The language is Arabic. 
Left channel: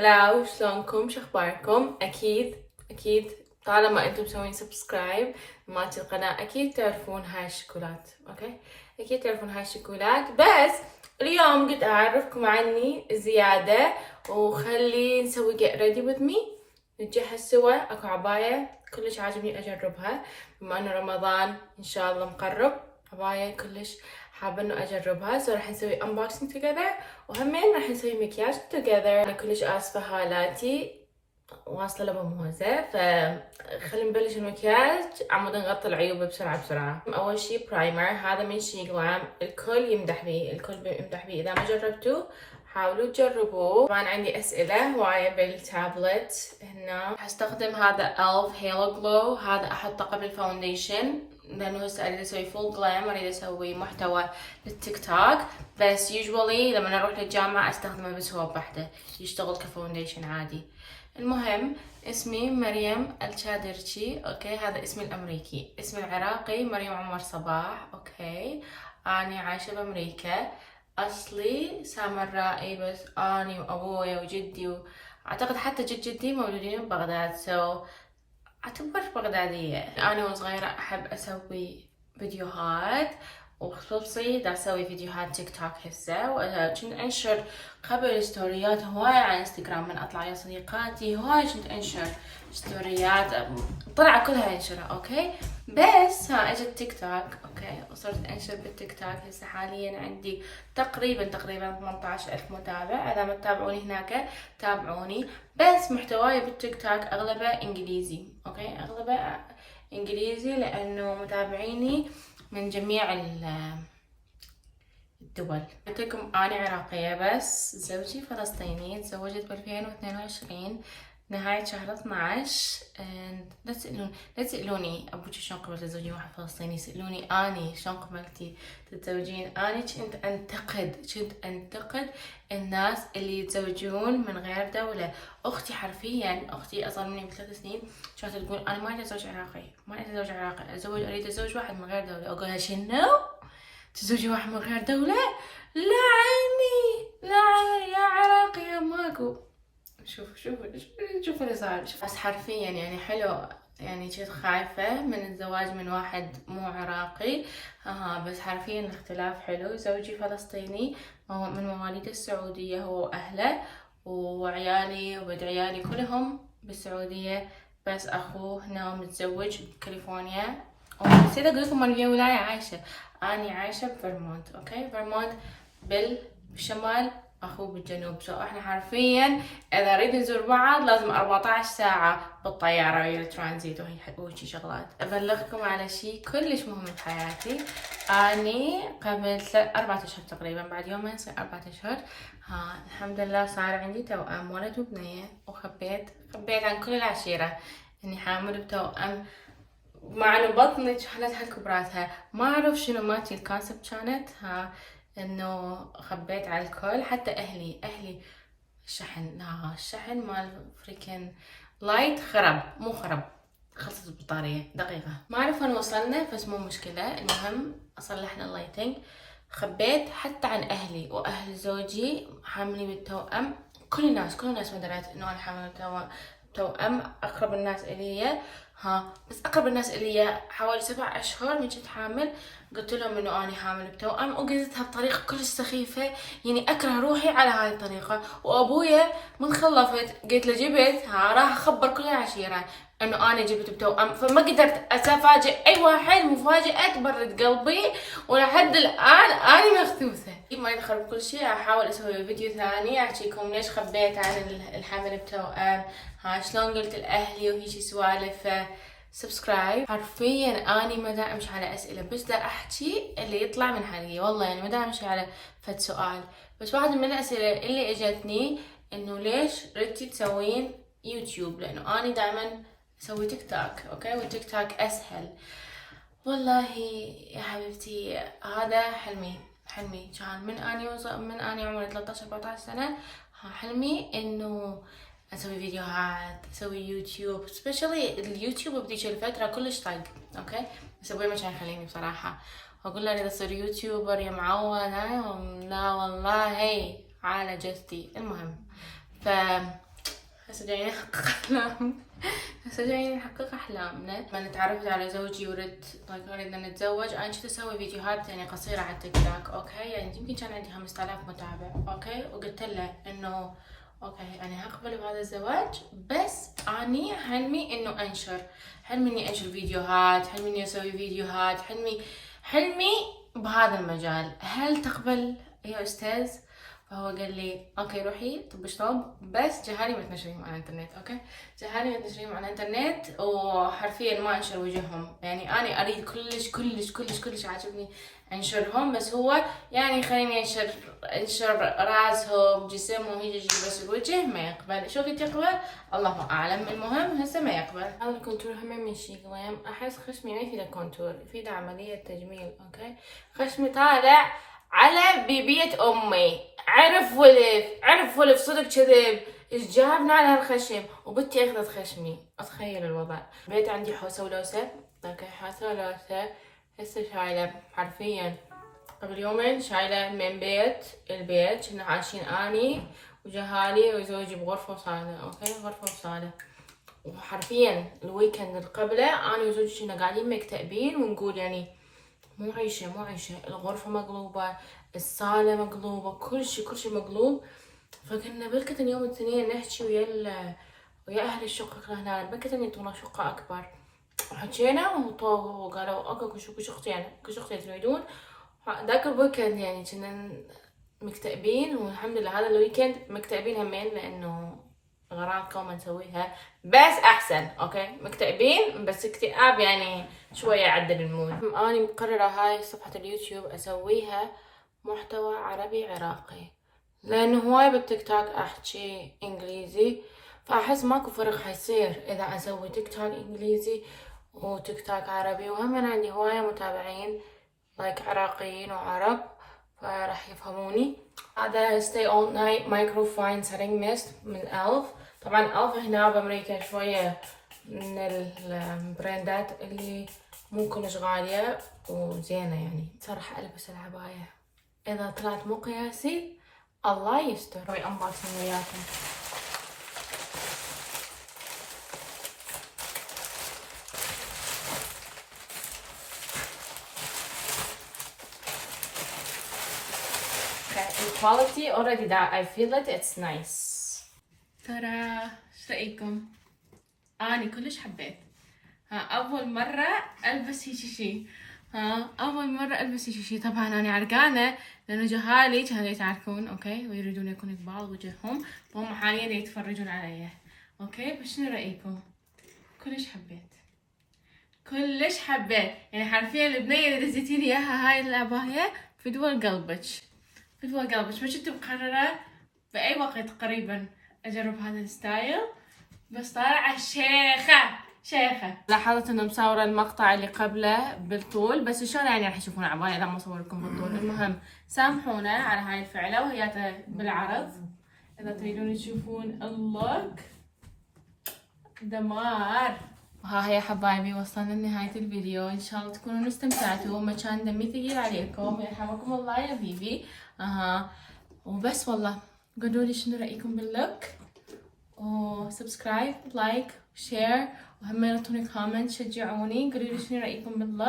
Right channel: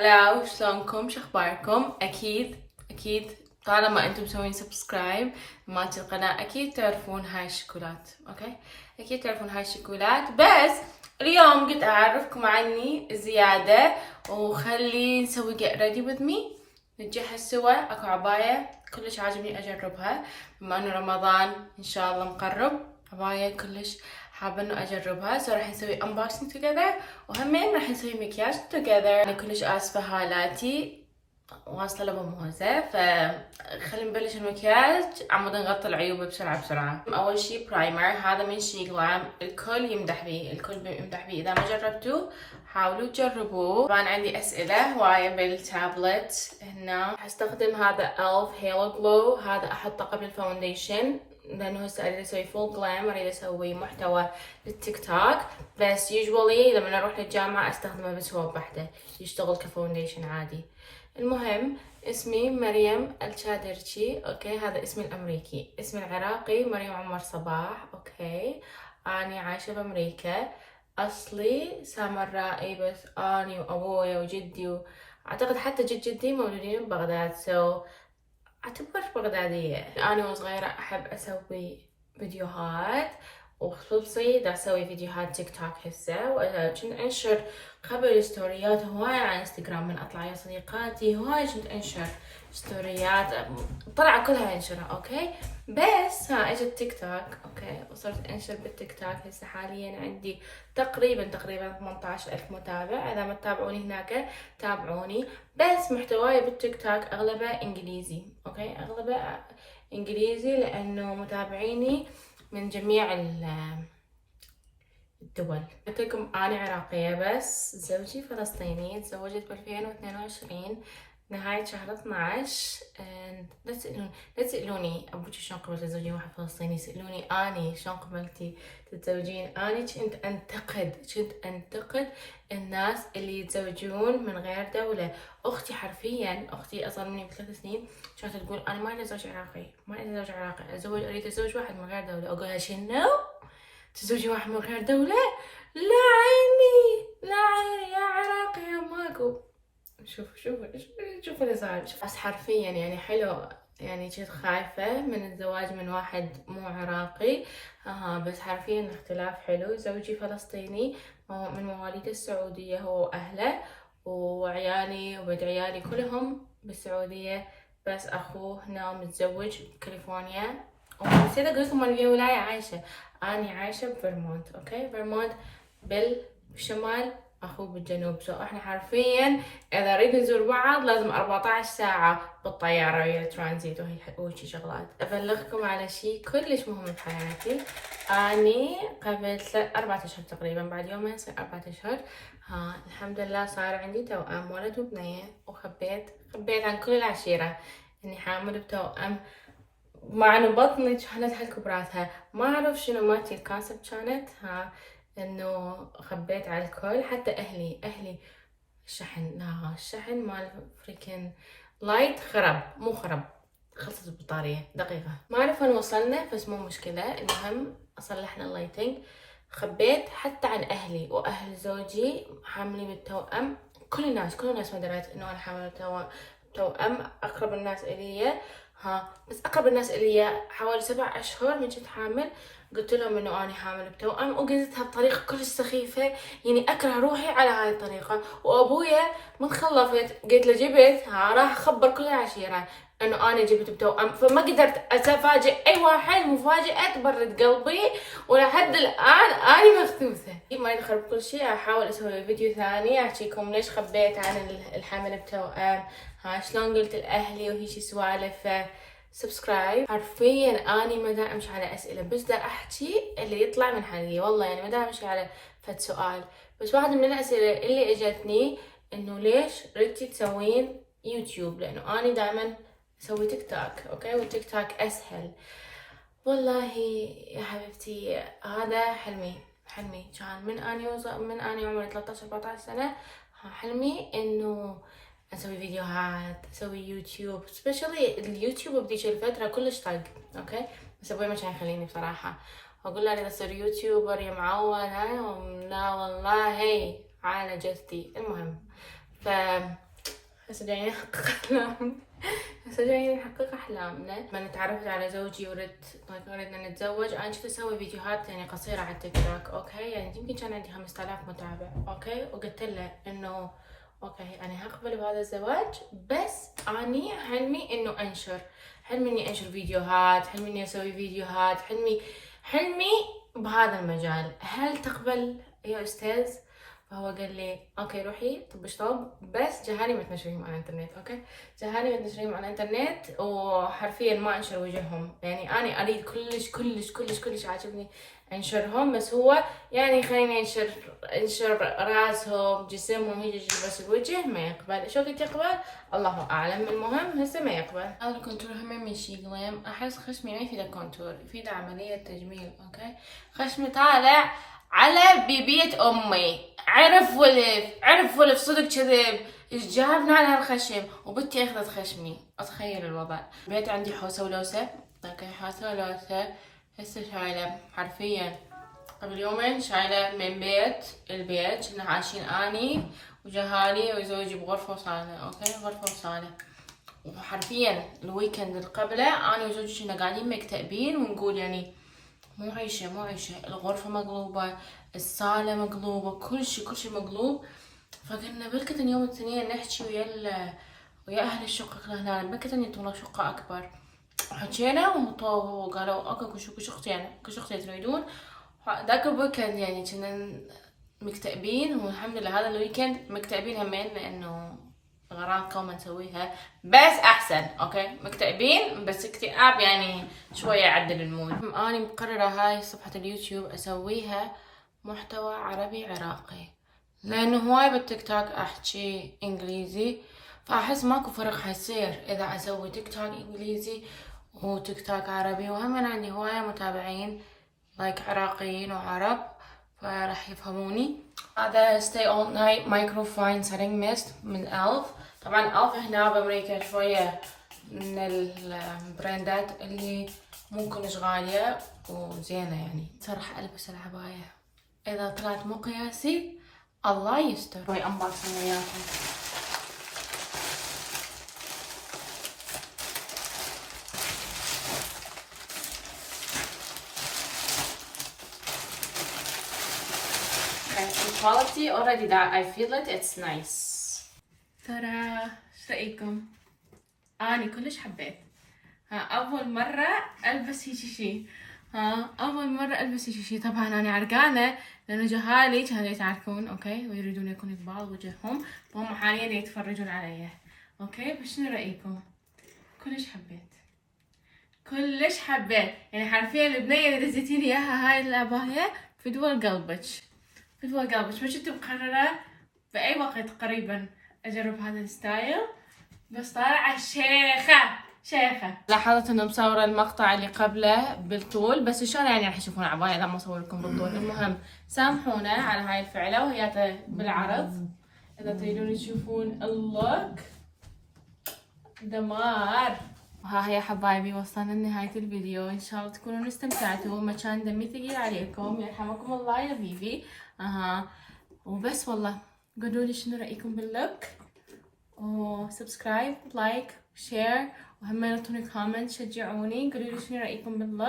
هلا، شلونكم؟ شخباركم؟ اكيد طالما انتم مسوين سبسكرايب مالتي القناة اكيد تعرفون هاي الشوكولات. اوكي، اكيد تعرفون هاي الشوكولات. بس اليوم قلت اعرفكم عني زيادة وخلي نسوي get ready with me، نتجهز سوا. اكو عباية كلش عاجبني اجربها بما انه رمضان ان شاء الله مقرب. عباية كلش حابة انه اجربها، راح نسوي unboxing together وهمين راح نسوي مكياج together. انا كلش اسفة هالاتي واصلة لبموزة، فخلينا نبلش المكياج. عمود نغطي العيوب بسرعة. اول شي برايمر، هذا من شي جلام، الكل يمدح بيه. اذا ما جربتوه حاولوا تجربوه. طبعا عندي اسئلة هواية بالتابلت هنا. هستخدم هذا ELF هيلو جلو، هذا احطه قبل فاونديشن لانه هسه اريد اسوي فول جلام، اريد اسوي محتوى للتيك توك. بس يوجوالي لما اروح للجامعة استخدمه بس هو بحده، يشتغل كفاونديشن عادي. المهم اسمي مريم الشادرشي، اوكي، هذا اسمي الامريكي. اسمي العراقي مريم عمر صباح. اوكي، اني عايشة بامريكا. اصلي سامرائي، بس اني وابويا وجدي اعتقد حتى جدي مولودين ببغداد، اعتبر بغدادية. انا وصغيرة احب اسوي فيديوهات، وخصوصي دا اسوي فيديوهات تيك توك هسه، وكنت انشر قبل ستوريات هواي على انستغرام من اطلع يا صديقاتي، هواي كنت انشر ستوريات طلع كلها انشرها. اوكي، بس ها اجت تيك توك، اوكي، وصرت انشر بالتيك توك. هسه حاليا عندي تقريبا 18,000 متابع. اذا ما تتابعوني هناك تابعوني. بس محتواي بالتيك توك اغلبه انجليزي. اوكي، اغلبه انجليزي لانه متابعيني من جميع الدول. قلت لكم اني عراقية بس زوجي فلسطيني. تزوجت ب 2022 نهاية شهر 12. لا تسألوني ابوك شلون قبل تتزوجين واحد فلسطيني، سألوني اني شلون قبلتي تتزوجين. اني كنت انتقد الناس اللي يتزوجون من غير دولة. اختي حرفيا، اختي اصغر مني ب3 سنين، كانت تقول انا ما اريد اتزوج عراقي، اريد اتزوج واحد من غير دولة. اقولها شنو؟ تزوجي واحد من غير دولة؟ لا عيني، لا عيني يا عراقي يا ماكو. شوف اللي صار. بس حرفيا يعني حلو، يعني كنت خايفة من الزواج من واحد مو عراقي. بس حرفيا الاختلاف حلو. زوجي فلسطيني من مواليد السعودية هو وأهله، وعيالي وبد عيالي كلهم بالسعودية، بس أخوه هنا متزوج بكاليفورنيا. نسيت أقول لكم أنا ولاية عايشة. أنا عايشة بفرمونت. أوكي، فرمونت بالشمال، أخوه بالجنوب. احنا حرفيا إذا نريد نزور بعض لازم 14 ساعة بالطيارة ويا الترانزيت وهيك شغلات. أبلغكم على شي كلش مهم بحياتي. أني قبل 4 أشهر تقريبا، بعد يومين يصير 4 أشهر، الحمد لله صار عندي توأم، ولد وبنية. وخبيت عن كل العشيرة إني حامل بتوأم، مع انه بطني كانت هالكبراتها. ما اعرف شنو مالتي الكونسبت كانت انه خبيت على الكل، حتى اهلي الشحن، لا الشحن مال فريكن لايت مو خرب، خلصت البطارية دقيقة. ما اعرف وين وصلنا، بس مو مشكلة. المهم صلحنا اللايتنج. خبيت حتى عن اهلي واهل زوجي حاملين بالتوأم. كل الناس ما درت انه انا حاملة توأم. اقرب الناس الي، بس اقرب الناس الي حوالي 7 اشهر من كنت حامل قلت لهم انه اني حامل بتوأم، وقلتها بطريقة كلش سخيفة، يعني اكره روحي على هاي الطريقة. وابويا من خلفت قلت له جبت، راح اخبر كل العشيرة انه انا جبت بتوأم. فما قدرت افاجئ اي واحد، مفاجأة تبرد قلبي، ولحد الان اني مخثوثة. ما يدخل بكل شيء احاول اسوي فيديو ثاني احكيكم ليش خبيت عن الحمل بتوأم، شلون قلت لاهلي وهيجي سوالف. سبسكرايب. حرفيا اني ما دا امشي على اسئله، بس دا احكي اللي يطلع من حلقي. والله يعني ما دا امشي على فد سؤال. بس واحده من الاسئله اللي اجتني انه ليش ردتي تسوين يوتيوب، لانه اني دائما اسوي تيك توك. اوكي، والتيك توك اسهل. والله يا حبيبتي هذا حلمي كان من اني عمري 13 14 سنه. حلمي انه اسوي فيديوهات، اسوي يوتيوب، سبيشلي اليوتيوب بديش الفتره كلش طق. اوكي، بس ابوي ما كان يخليني بصراحه، واقول له اريد اصير يوتيوبر يا معود. لا والله هي على جثتي. المهم هسه جايين نحقق أحلامنا. هسه جايين نحقق أحلامنا. لما تعرفت على زوجي ردنا نتزوج، أنا كنت أسوي فيديوهات يعني قصيرة على التيك توك، أوكي؟ يعني يمكن كان عندي 5000 متابع، أوكي؟ وقلت له إنه أوكي أنا هقبل بهذا الزواج، بس أني حلمي إنه أنشر، حلمي إني أنشر فيديوهات، حلمي إني أسوي فيديوهات، حلمي بهذا المجال. هل تقبل يا أستاذ؟ فهو قال لي اوكي روحي طب شطب، بس جهالي ما تنشريهم على الانترنت، اوكي؟ جهالي ما تنشريهم على الانترنت، وحرفيا ما انشر وجههم. يعني انا اريد كلش عاجبني انشرهم، بس هو يعني خليني انشر راسهم جسمهم هيجي بس الوجه ما يقبل. شو قلت يقبل؟ الله اعلم. المهم هسه ما يقبل. هذا الكونتور هم من شي قليم. احس خشمي ما يفيده كونتور، يفيده عملية تجميل، اوكي؟ خشمي طالع على بيبية امي، عرف ولف صدق كذب. ايش جابنا على هالخشم؟ وبنتي اخذت خشمي. اتخيل الوضع. بيت عندي حوسه ولوسه، اوكي؟ حوسه ولوسه. هسه شايله حرفيا قبل يومين شايله من البيت كنا عايشين اني وجهالي وزوجي بغرفه وصاله، اوكي؟ غرفه وصاله. وحرفيا الويكند اللي قبله انا وزوجي كنا قاعدين مكتئبين ونقول يعني مو عيشة. الغرفة مقلوبة، الصالة مقلوبة، كل شي مقلوب. فقلنا بلكت يوم الاثنين نحكي ويا أهل الشقة هنا، بلكت يعطونا شقة أكبر. حكينا وقالوا اوكي كل شختين تريدون. ذاك الويكند يعني كنا مكتئبين، والحمد لله هذا الويكند مكتئبين همين لأنه أغراض قوم نسويها، بس أحسن. أوكي مكتئبين بس اكتئاب يعني شوية يعدل المود. أنا مقررة هاي صفحة اليوتيوب أسويها محتوى عربي عراقي، لأنه هواي بالتيك توك أحكي إنجليزي، فأحس ماكو فرق حيصير إذا أسوي تيك توك إنجليزي وتيك توك عربي. وهم أنا عندي هواية متابعين لايك عراقيين وعرب، فراح يفهموني. هذا stay all night micro fine setting mist من ألف. طبعا ألف هنا بأمريكا شوية من البراندات اللي مو كلش غالية وزينة يعني. راح ألبس العباية، إذا طلعت مو قياسي الله يستر. هاي أنباصن وياكم. quality already that I feel it's nice. ترى ايش رأيكم؟ اني كلش حبيت. اول مرة البس هيجي شي. اول مرة البس هيجي شي. طبعا انا عرقانة لانه جهالي كانوا يتعاركون، اوكي؟ ويريدون يكون قبال وجههم، وهم حاليا يتفرجون علي، اوكي؟ بس شنو رأيكم؟ كلش حبيت يعني حرفيا البنية اللي دزيتي لي اياها هاي العباية فدوى قلبك. ما كنت مقررة بأي وقت قريبا أجرب هذا الستايل، بس طالعة شيخة. لاحظت إنه مصورة المقطع اللي قبله بالطول، بس إن شاء الله يعني راح تشوفون عباية إذا ما أصور لكم بالطول. المهم سامحونا على هاي الفعلة وهي بالعرض. إذا تريدون تشوفون اللوك دمار. ها هي حبايبي وصلنا لنهاية الفيديو. إن شاء الله تكونوا استمتعتوا وما كان دمي ثقيل عليكم. يرحمكم الله يا بيبي. وبس والله قولوا لي شنو رأيكم باللوك، وسبسكرايب لايك شير، وهم اعطوني كومنت شجعوني قولوا لي شنو رأيكم باللوك.